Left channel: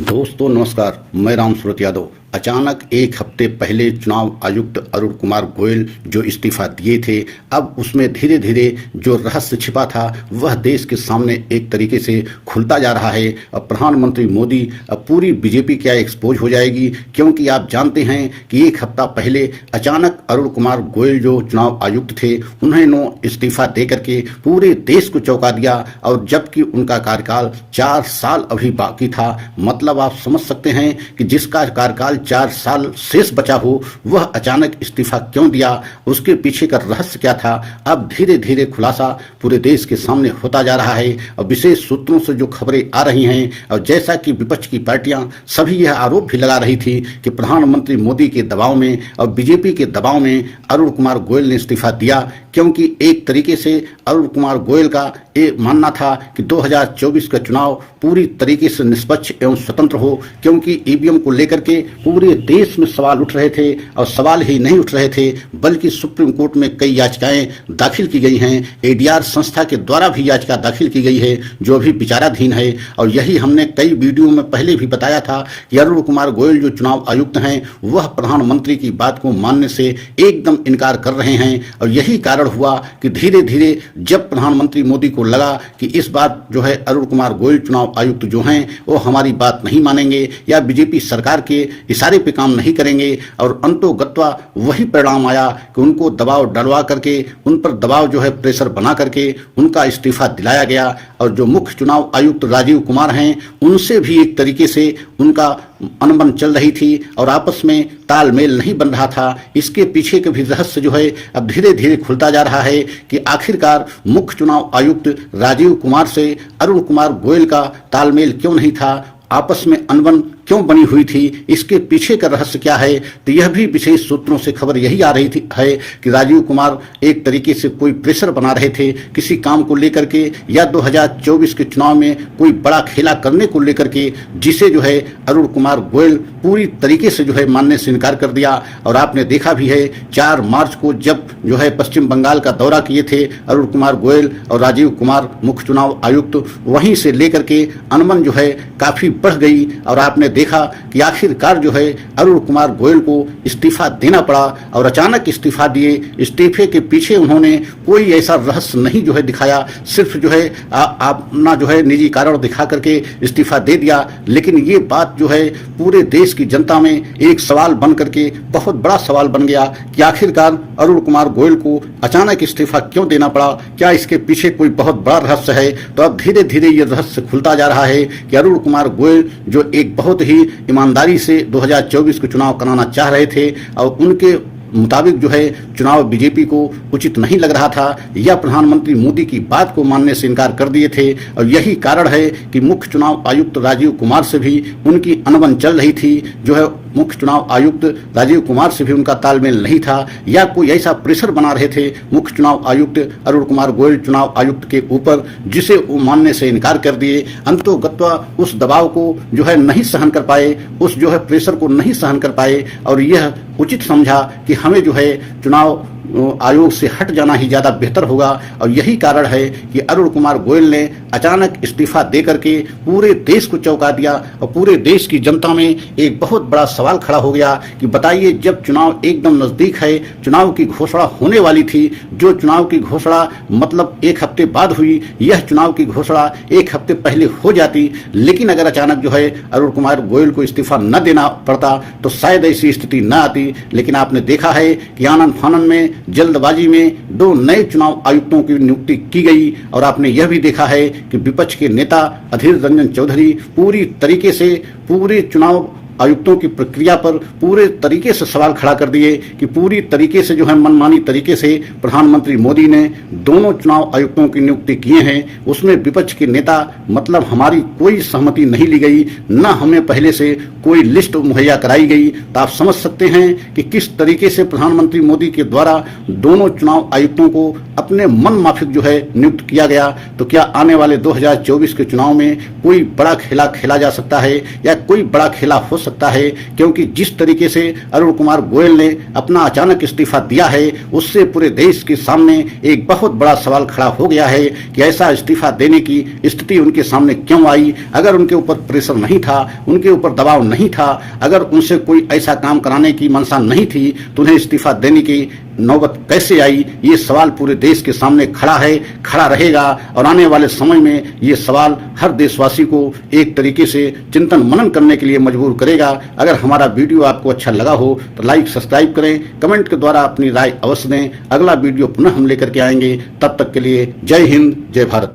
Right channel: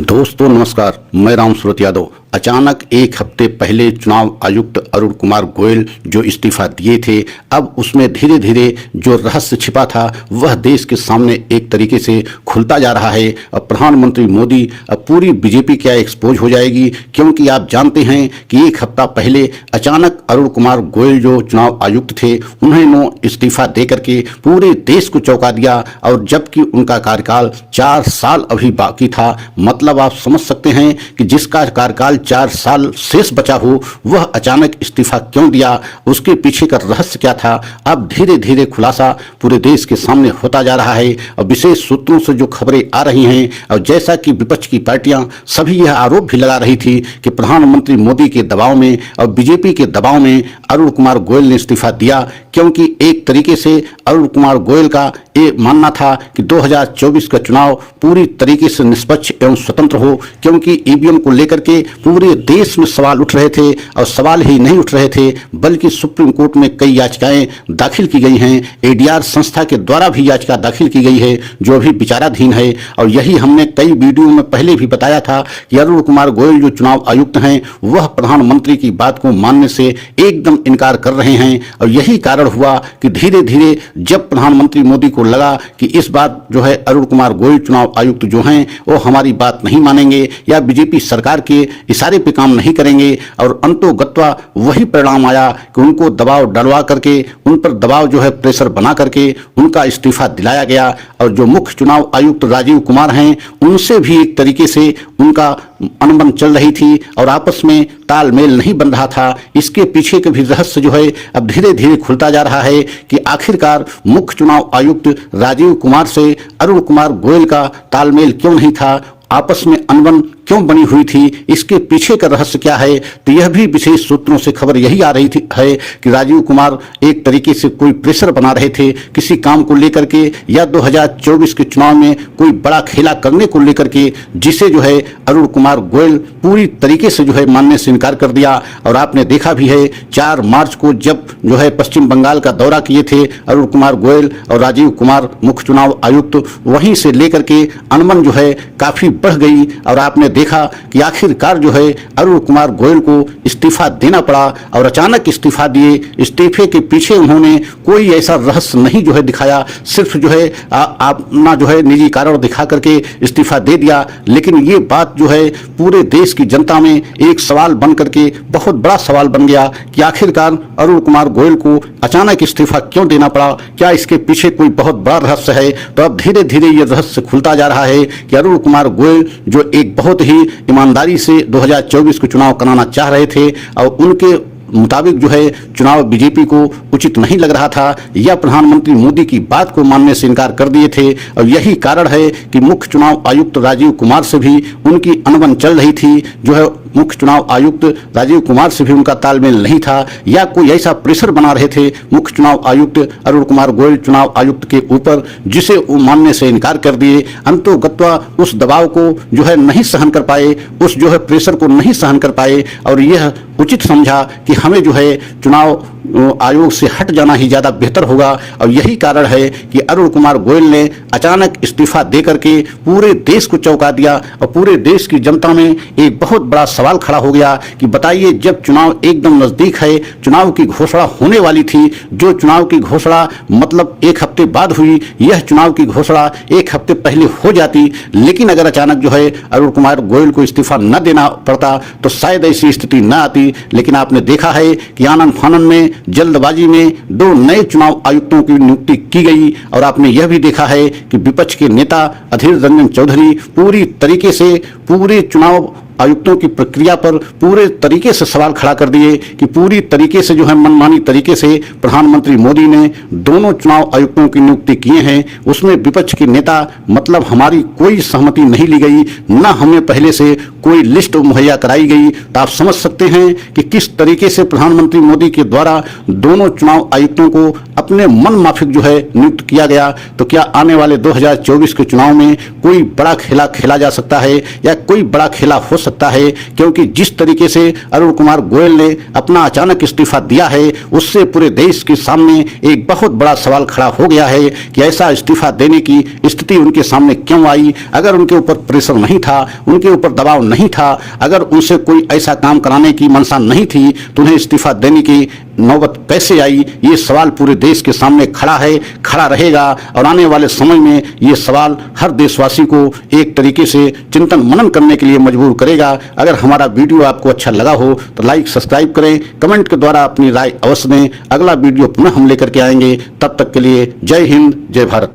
दोस्तों नमस्कार, मैं राम सूरत यादव। अचानक एक हफ्ते पहले चुनाव आयुक्त अरुण कुमार गोयल जो इस्तीफा दिए थे, अब उसमें धीरे धीरे जो रहस्य छिपा था वह देश के सामने एक तरीके से खुलता जा रहा है। अब प्रधानमंत्री मोदी, अब पूरी बीजेपी क्या एक्सपोज हो जाएगी, क्योंकि आप जानते हैं कि एक हफ्ता पहले अचानक अरुण कुमार गोयल जो चुनाव आयुक्त थे उन्होंने इस्तीफा दे करके पूरे देश को चौंका दिया। और जबकि उनका कार्यकाल 4 साल अभी बाकी था, मतलब आप समझ सकते हैं कि जिसका कार्यकाल 4 साल शेष बचा हो वह अचानक इस्तीफा क्यों दिया, उसके पीछे का रहस्य क्या था। अब धीरे धीरे खुलासा पूरे देश के सामने होता जा रहा है। और विशेष सूत्रों से जो खबरें आ रही हैं, और जैसा कि विपक्ष की पार्टियां सभी यह आरोप भी लगा रही थी कि प्रधानमंत्री मोदी के दबाव में और बीजेपी के दबाव में अरुण कुमार गोयल ने इस्तीफा दिया, क्योंकि एक तरीके से अरुण कुमार गोयल का ये मानना था कि 2024 का चुनाव पूरी तरीके से निष्पक्ष एवं स्वतंत्र हो, क्योंकि ईवीएम को लेकर के पूरे देश में सवाल उठ रहे थे। और सवाल ही नहीं उठ रहे थे बल्कि सुप्रीम कोर्ट में कई याचिकाएं दाखिल की गई हैं। एडीआर संस्था के द्वारा भी याचिका दाखिल की गई है जो अभी विचाराधीन है। और यही हमने कई वीडियो में पहले भी बताया था कि अरुण कुमार गोयल जो चुनाव आयुक्त हैं वह प्रधानमंत्री की बात को मानने से एकदम इनकार कर रहे हैं। और यही कारण हुआ कि धीरे धीरे जब प्रधानमंत्री मोदी को लगा कि इस बार जो है अरुण कुमार गोयल चुनाव आयुक्त जो हैं वो हमारी बात नहीं मानेंगे या बीजेपी सरकार के इशारे पे काम नहीं करेंगे, और अंतोगत्वा वही परिणाम आया कि उनको दबाव डलवा करके उन पर दबाव जो है प्रेशर बना करके उनका इस्तीफा दिलाया गया। और जो मुख्य चुनाव आयुक्त राजीव कुमार हैं उनसे भी एक तरीके से उनका अनबन चल रही थी और आपस में तालमेल नहीं बन रहा था। इसके पीछे के भी रहस्य जो है अब धीरे धीरे खुलता जा रहा है कि आखिरकार मुख्य चुनाव आयुक्त राजीव कुमार से अरुण कुमार गोयल का तालमेल क्यों नहीं था, आपस में अनबन क्यों बनी हुई थी, इसके पीछे का रहस्य क्या है। तो यह भी विशेष सूत्रों से खबर यही आ रही थी है कि राजीव कुमार एक तरीके से कोई प्रेशर बना रहे थे किसी काम को लेकर के, या 2024 के चुनाव में कोई बड़ा खेला करने को लेकर के, जिसे जो है अरुण कुमार गोयल पूरी तरीके से जो है मानने से इनकार कर दिया। और आपने देखा भी है 4 मार्च को जब जो है पश्चिम बंगाल का दौरा किए थे अरुण कुमार गोयल और राजीव कुमार मुख्य चुनाव आयुक्त, वहीं से लेकर के अनबन जो है काफी बढ़ गई। और आपने देखा कि आखिरकार जो है अरुण कुमार गोयल को इस्तीफा देना पड़ा, और अचानक इस्तीफा दिए। इस्तीफे के पीछे उन्होंने कोई ऐसा रहस्य नहीं जो है दिखाया, सिर्फ जो है अपना जो है निजी कारण दिखा करके इस्तीफा दे दिया। लेकिन ये बात जो है पूरे देश की जनता में एक सवाल बन करके बहुत बड़ा सवाल बन गया कि आखिरकार अरुण कुमार गोयल को अचानक इस्तीफा क्यों देना पड़ा, क्या इसके पीछे कोई बहुत बड़ा रहस्य है। तो अब धीरे धीरे ये रहस्य खुलता जा रहा है कि अरुण कुमार गोयल जो एक बहुत ही ईमानदारी से 2024 को चुनाव कराना चाह रहे थे और उनके मुताबिक जो है चुनाव बीजेपी को उचित नहीं लग रहा था, या प्रधानमंत्री मोदी की बात को मानने से इनकार कर दिए थे। और यही कारण है कि मुख्य चुनाव आयुक्त राजीव कुमार से भी उनकी अनबन चल रही थी। जो है मुख्य चुनाव आयुक्त राजीव कुमार से भी उनका तालमेल नहीं था, या कोई ऐसा प्रेशर बना रहे थे मुख्य चुनाव आयुक्त अरुण कुमार गोयल चुनाव आयुक्त के ऊपर, जिसे वो मानने से इनकार कर दिए। अंतोगत्वा उस दबाव को जो है नहीं सहन कर पाए, उस जो है प्रेशर को नहीं सहन कर पाए, और यह उचित समझा कि हमें जो है चुनाव आयोग से हट जाना ही ज्यादा बेहतर होगा। और यही कारण है कि अरुण कुमार गोयल ने अचानक इस्तीफा दे करके पूरे देश को चौंका दिया, और पूरे देश की जनता में एक बहुत बड़ा सवाल खड़ा हो गया कि बताइए, जब चुनाव एकदम नजदीक है, चुनाव की घोषणा होने वाली थी, जो चुनाव की घोषणा मतलब एक हफ्ते बाद हुई, यह चुनाव की घोषणा एक हफ्ते पहले हो जाती, लेकिन अगर अचानक जो है अरुण कुमार गोयल को इस्तीफा न देना पड़ता तो शायद ऐसी स्थिति न आती। लेकिन आपने देखा है कि आनन फानन में जल्दबाजी में 2 नए चुनाव आयुक्तों की नियुक्ति की गई। और आपने यह भी देखा है कि विपक्ष के नेता अधीर रंजन चौधरी पूरी तरीके से पूरे चुनाव आयुक्तों की प्रक्रिया पर पूरे तरीके से सवाल खड़ा कर दिए कि पूरी तरीके से जो है मनमानी तरीके से प्रधानमंत्री मोदी ने दोनों चुनाव आयुक्तों की नियुक्ति किए हैं। उसमें विपक्ष के नेता मतलब हमारी कोई सहमति नहीं ली गई, न हमें पहले से कोई लिस्ट मुहैया कराई गई। तो आप समझ सकते हैं कि किस तरीके से प्रधानमंत्री मोदी के द्वारा दोनों चुनाव आयुक्तों को अपने मन माफिक जो है नियुक्त किया गया। तो क्या आने वाले 2024 के चुनाव में कोई बड़ा खेला खेला जा सकता है, या कोई बड़ा खेला हो सकता सकता है, क्योंकि जिस तरीके से अरुण कुमार गोयल ने अपना अचानक इस्तीफा दिया है उससे पूरे देश के सामने एक बहुत बड़ा सवाल खड़ा हो गया है कि ऐसा इस्तीफा देने की स्थिति उनके सामने क्यों आई। अगर उनके ऊपर प्रेशर नहीं था, उनके ऊपर दबाव नहीं था, अगर उनसे कोई ऐसा काम कराने की मंशा नहीं थी तो उन्हें इस्तीफा देने की नौबत कैसे आई, ये सवाल पूरे देश के सामने खड़ा है, खड़ा रहेगा। और आने वाले समय में ये सवाल हर देशवासी को एक तरीके से चिंतन मनन करने के लिए मजबूर करेगा। अगर हमारा वीडियो आपको अच्छा लगा हो तो लाइक सब्सक्राइब करें, कमेंट के द्वारा अपनी राय अवश्य दें। अगला वीडियो पुनः हम लेकर के आएंगे, तब तक के लिए जय हिंद, जय भारत।